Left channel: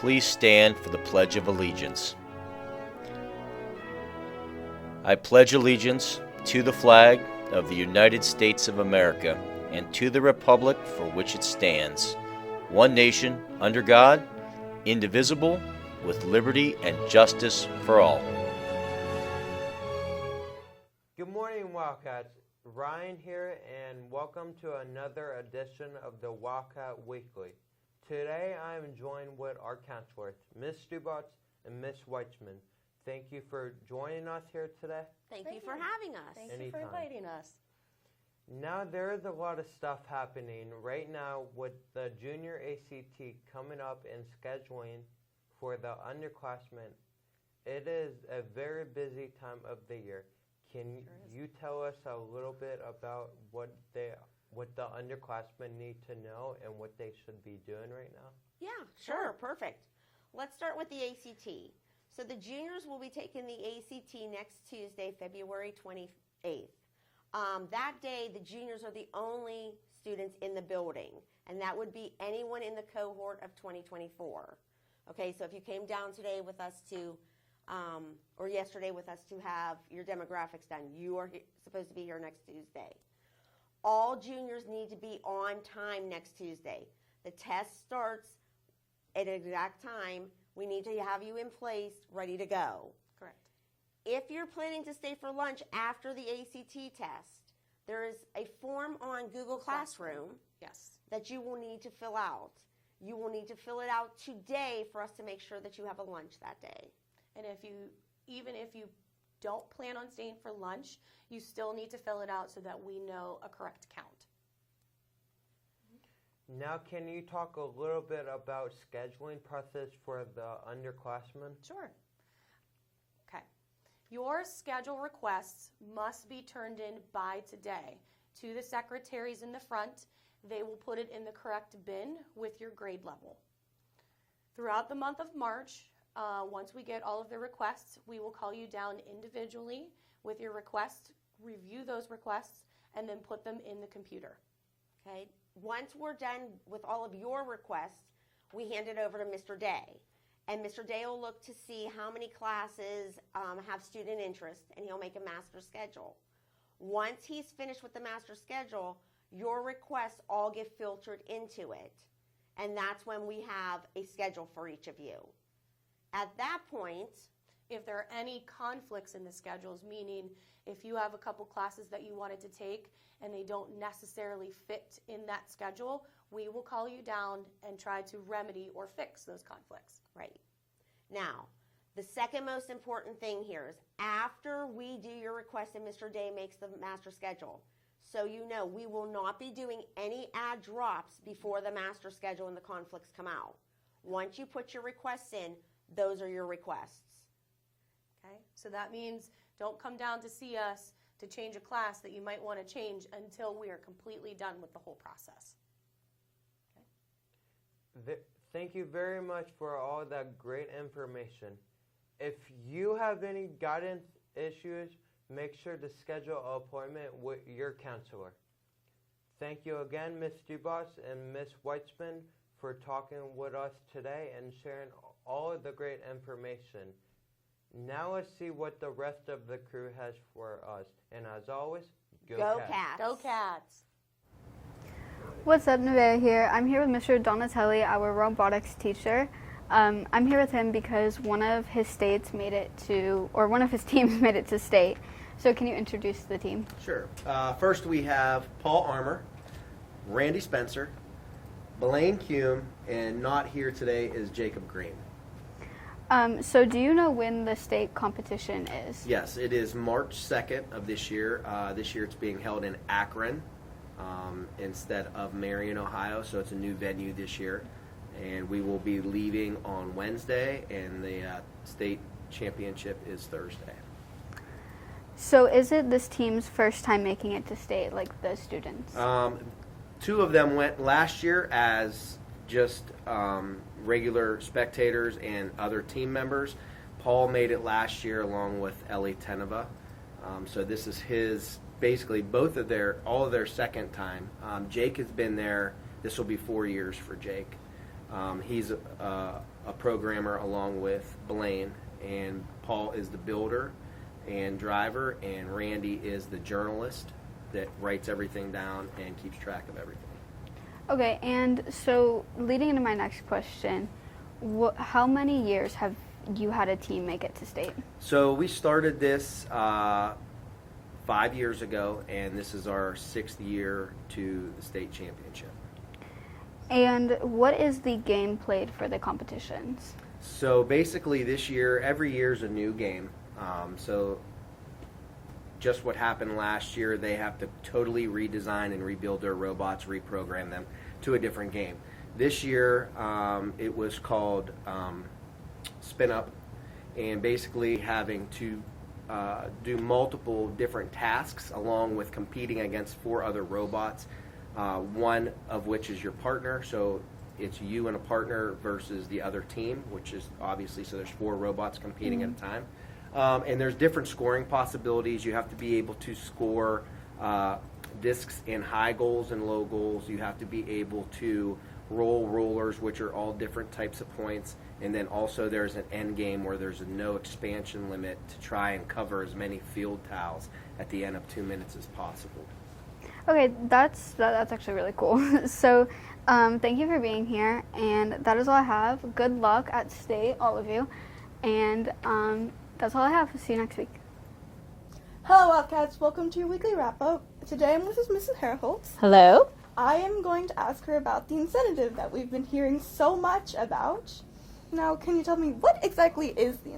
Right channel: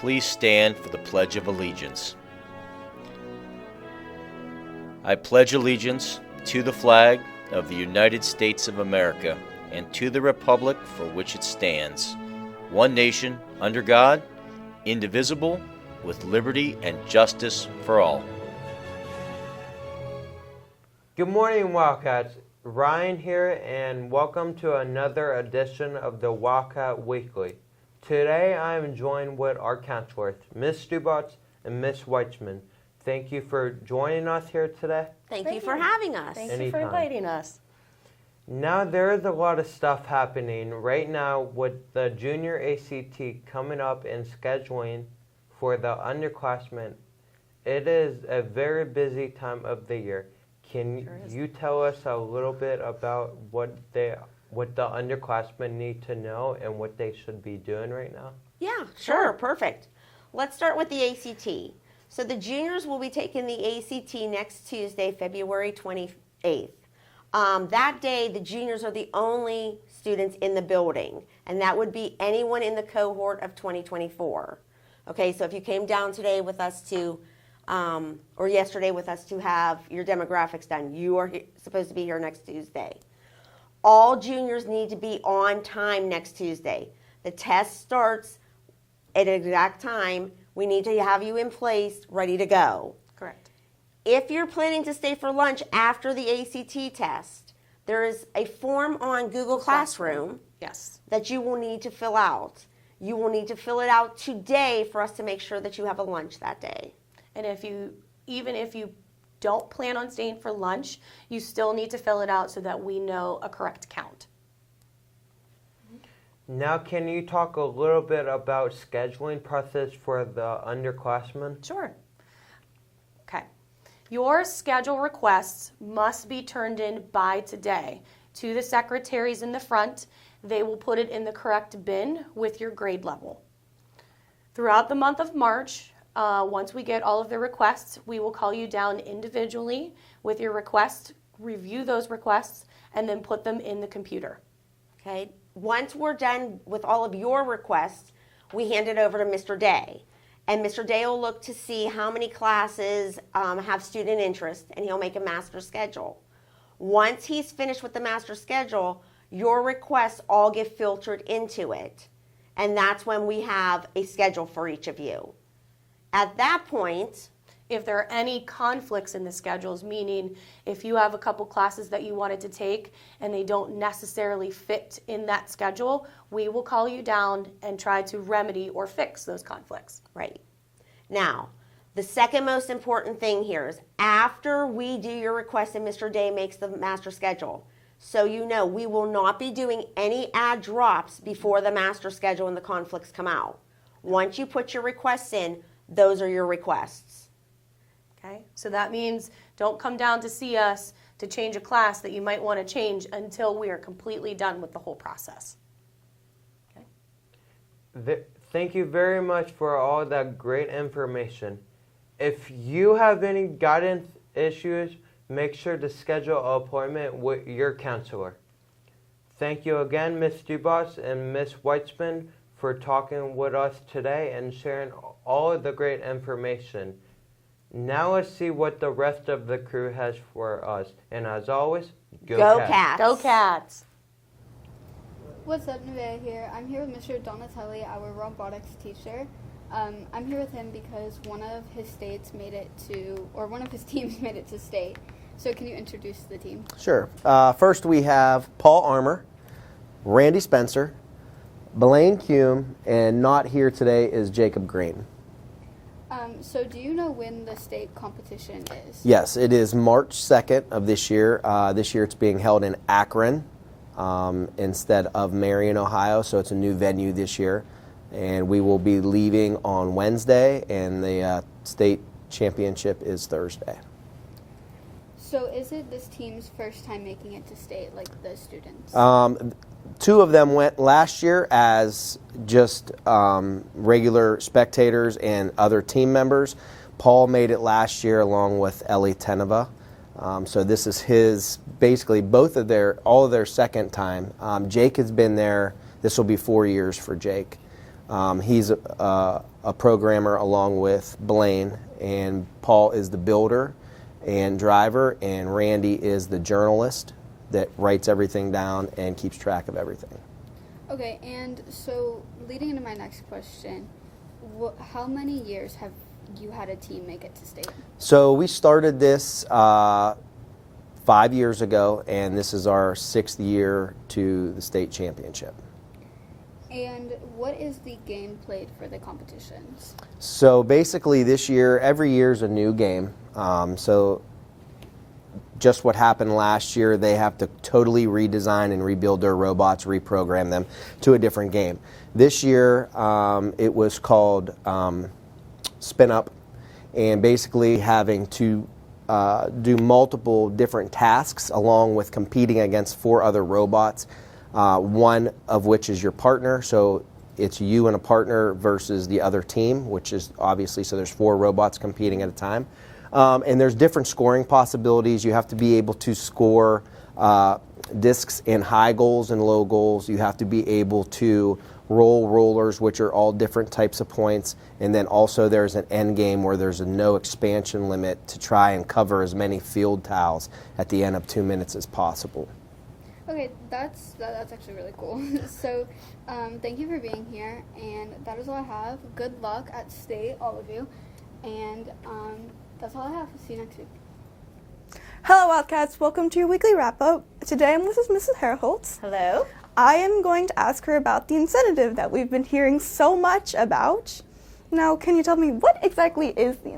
Please stand for the Pledge of Allegiance. I pledge allegiance to the flag of the United States of America and to the republic for which it stands, one nation, under God, indivisible, with liberty and justice for all. Good morning, Wildcats. Ryan here, and welcome to another edition of the Wildcat Weekly. Today I am joined with our counselors, Ms. Stubotz and Ms. Weitzman. Thank you for joining us here today. Thank you for having us. Thank you for inviting us. Now there is a lot of stuff happening right now with the junior ACT coming up and scheduling for the underclassmen. It is a very busy time of the year. Can you tell us a little bit about what the underclassmen need to know and what they should be doing right now? Yeah, sure, perfect. Let's start with the ACT. So the juniors will be taking the ACT next Tuesday, February 28th. That day, the juniors are the only students in the building, and that would be anyone in the cohort of 2024. Okay, so if you came down today with us to or yesterday with us to have your demographics done, you are supposed to be here next Tuesday. All juniors need to be on time next Tuesday. The test starts at an exact time. We need to have you in place, ready to go. Correct. If you're planning to stay for lunch after the ACT test, there is a form on Google Classroom that you will need to fill out. You will need to fill it out today for us to make sure that you have a lunch that day. And even if you don't plan on staying for lunch, you still need to fill it out so that we know a correct count. Now, can you talk a little bit about scheduling process for the underclassmen? Sure. Okay. Your schedule requests must be turned in by today to the secretaries in the front. They will put it in the correct bin with your grade level. Throughout the month of March, once we get all of the requests, we will call you down individually with your request, review those requests, and then put them in the computer. Okay. Once we're done with all of your requests, we hand it over to Mr. Day. And Mr. Day will look to see how many classes have student interest, and he'll make a master schedule. Once he's finished with the master schedule, your requests all get filtered into it. And that's when we have a schedule for each of you. At that point, if there are any conflicts in the schedules, meaning if you have a couple classes that you wanted to take and they don't necessarily fit in that schedule, we will call you down and try to remedy or fix those conflicts. Right. Now, the second most important thing here is after we do your request and Mr. Day makes the master schedule, so you know we will not be doing any add drops before the master schedule and the conflicts come out. Once you put your requests in, those are your requests. Okay, so that means don't come down to see us to change a class that you might want to change until we are completely done with the whole process. Okay. Thank you very much for all that great information. If you have any guidance issues, make sure to schedule an appointment with your counselor. Thank you again, Ms. Stubotz and Ms. Weitzman, for talking with us today and sharing all of the great information. Now let's see what the rest of the crew has for us. And as always, Go Cats! Go Cats! What's up, Nevaeh here. I'm here with Mr. Donatelli, our robotics teacher. I'm here with him because one of his teams made it to state. So can you introduce the team? Sure. First we have Paul Armour, Randy Spencer, Blaine Kuhn, and not here today is Jacob Green. So do you know when the state competition is? Yes, it is March 2nd of this year. This year it's being held in Akron instead of Marion, Ohio, so it's a new venue this year. And we will be leaving on Wednesday, and the state championship is Thursday. So is it this team's first time making it to state, like the students? Two of them went last year as just regular spectators and other team members. Paul made it last year along with Ellie Teneva. So this is his, basically all of their second time. Jake has been there, this will be 4 years for Jake. He's a programmer along with Blaine, and Paul is the builder and driver, and Randy is the journalist that writes everything down and keeps track of everything. Okay, and so leading into my next question, how many years have you had a team make it to state? So we started this 5 years ago, and this is our 6th year to the state championship. And what is the game played for the competitions? So basically this year, every year is a new game. So just what happened last year, they have to totally redesign and rebuild their robots, reprogram them to a different game. This year, it was called Spin Up, and basically having to do multiple different tasks along with competing against 4 other robots, one of which is your partner. So it's you and a partner versus the other team, which is obviously, so there's 4 robots competing at a time. And there's different scoring possibilities. You have to be able to score discs in high goals and low goals. You have to be able to roll rollers, which are all different types of points. And then also there's an end game where there's a no expansion limit to try and cover as many field tiles at the end of 2 minutes as possible. Okay, that's actually really cool. So thank you for being here, and that is all I have. Good luck at state, all of you. And that's all I have. See you next week. Hello, Wildcats. Welcome to your weekly wrap-up. Today I'm with Mrs. Herholtz. Hello. I am going to ask her about the incentive that we've been hearing so much about. Now, can you tell me what exactly is the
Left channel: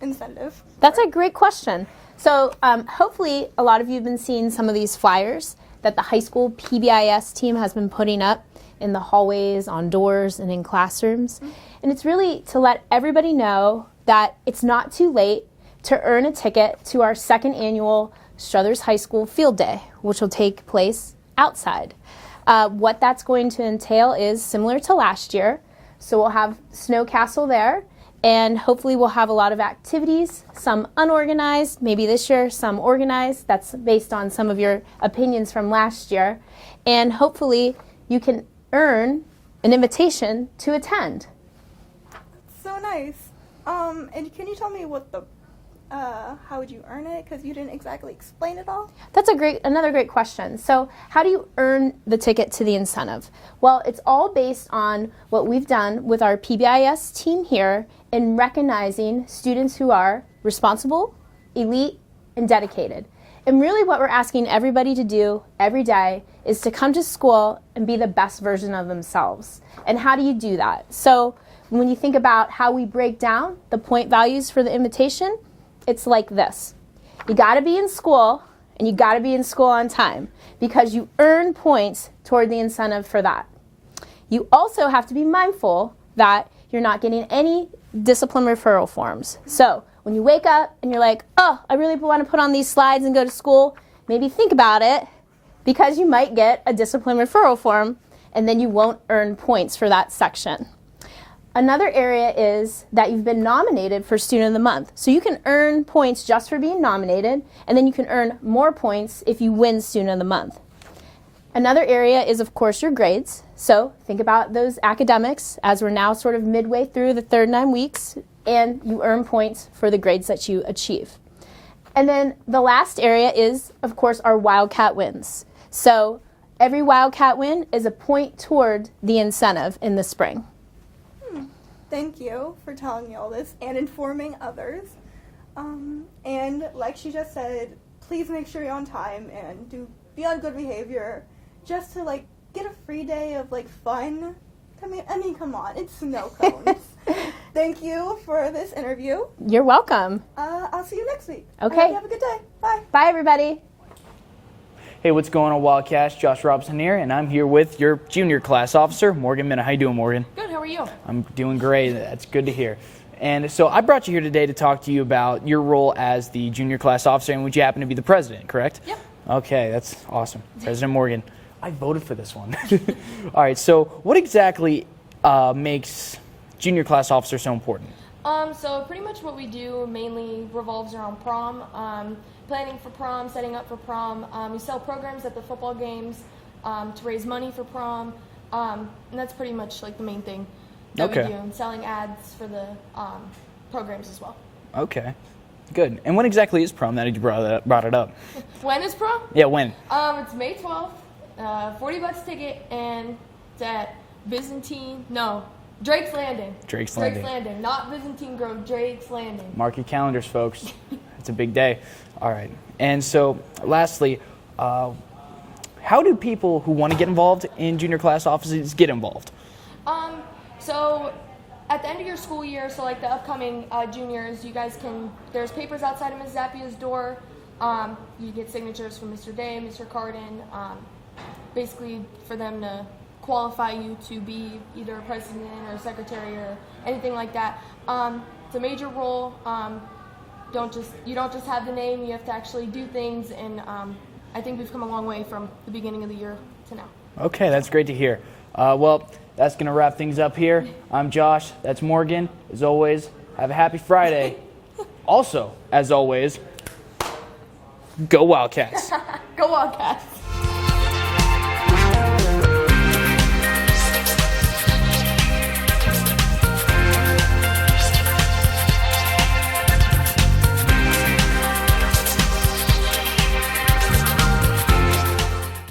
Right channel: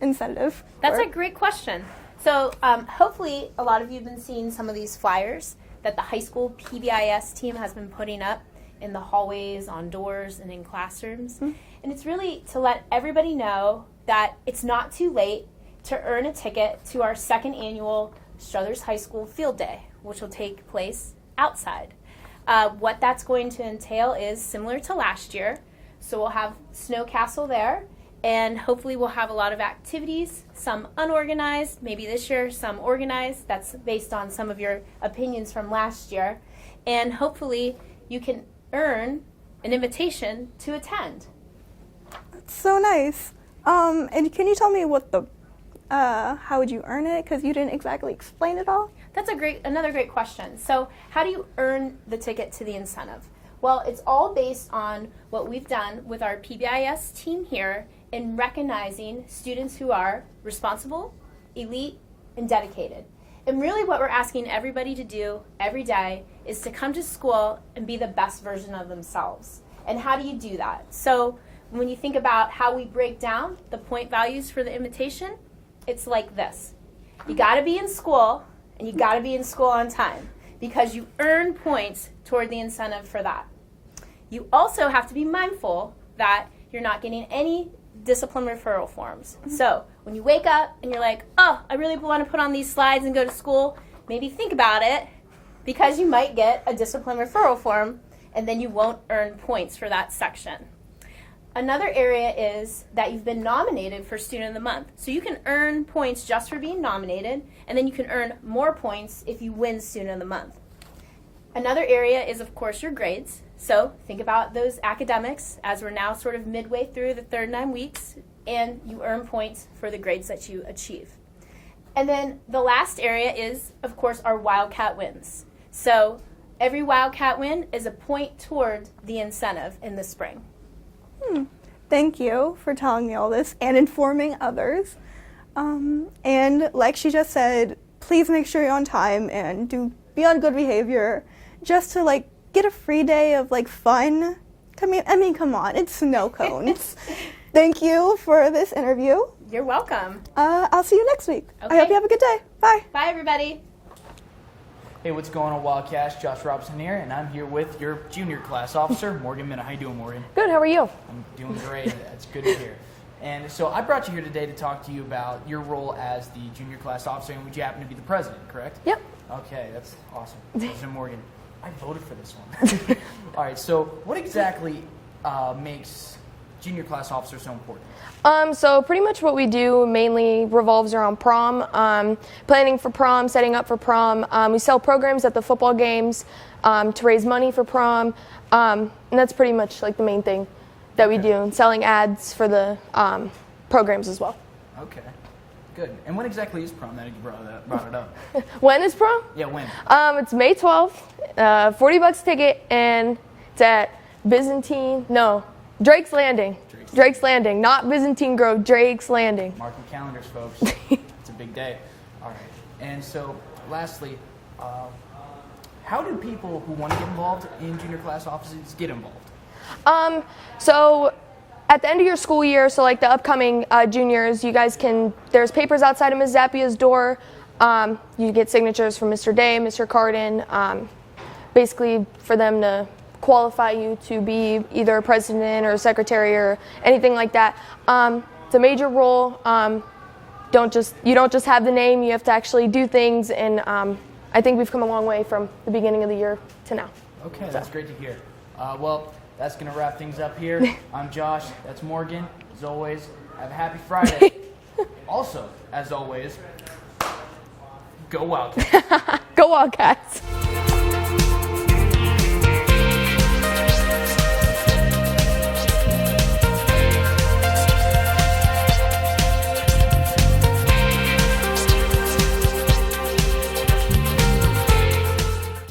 incentive? That's a great question. So hopefully a lot of you have been seeing some of these flyers that the high school PBIS team has been putting up in the hallways, on doors, and in classrooms. Mm-hmm. And it's really to let everybody know that it's not too late to earn a ticket to our 2nd annual Struthers High School Field Day, which will take place outside. What that's going to entail is similar to last year. So we'll have Snow Castle there, and hopefully we'll have a lot of activities, some unorganized, maybe this year some organized. That's based on some of your opinions from last year. And hopefully you can earn an invitation to attend. That's so nice. And can you tell me what how would you earn it? Because you didn't exactly explain it all. That's another great question. So how do you earn the ticket to the incentive? Well, it's all based on what we've done with our PBIS team here in recognizing students who are responsible, elite, and dedicated. And really what we're asking everybody to do every day is to come to school and be the best version of themselves. And how do you do that? So when you think about how we break down the point values for the invitation, it's like this. You gotta be in school, and you gotta be in school on time, because you earn points toward the incentive for that. You also have to be mindful that you're not getting any discipline referral forms. So when you wake up and you're like, oh, I really want to put on these slides and go to school, maybe think about it, because you might get a discipline referral form, and then you won't earn points for that section. Another area is that you've been nominated for Student of the Month. So you can earn points just for being nominated, and then you can earn more points if you win Student of the Month. Another area is, of course, your grades. So think about those academics as we're now sort of midway through the third 9 weeks, and you earn points for the grades that you achieve. And then the last area is, of course, our Wildcat wins. So every Wildcat win is a point toward the incentive in the spring. Thank you for telling me all this and informing others. And like she just said, please make sure you're on time and be on good behavior, just to get a free day of fun. I mean, come on, it's snow cones. Thank you for this interview. You're welcome. I'll see you next week. Okay. I hope you have a good day. Bye. Bye, everybody. Hey, what's going on, Wildcats? Josh Robson here, and I'm here with your junior class officer, Morgan Minna. How you doing, Morgan? Good, how are you? I'm doing great. That's good to hear. And so I brought you here today to talk to you about your role as the junior class officer, and would you happen to be the president, correct? Yep. Okay, that's awesome. President Morgan. I voted for this one. All right, so what exactly makes junior class officer so important? So pretty much what we do mainly revolves around prom, planning for prom, setting up for prom. We sell programs at the football games to raise money for prom. And that's pretty much like the main thing that we Okay. do, and selling ads for the programs as well. Okay, good. And when exactly is prom? That you brought it up. When is prom? Yeah, when? It's May 12th, $40 ticket, and it's at Drake's Landing. Drake's Landing, not Byzantine Grove, Drake's Landing. Mark your calendars, folks. It's a big day. All right. And so, lastly, how do people who want to get involved in junior class offices get involved? So at the end of your school year, so like the upcoming juniors, you guys there's papers outside of Ms. Zappia's door. You get signatures from Mr. Day, Mr. Carden, basically for them to qualify you to be either a president or a secretary or anything like that. It's a major role. You don't just have the name, you have to actually do things, and I think we've come a long way from the beginning of the year to now. Okay, that's great to hear. Well, that's going to wrap things up here. I'm Josh. That's Morgan. As always, have a happy Friday. Also, as always, go Wildcats. Go Wildcats!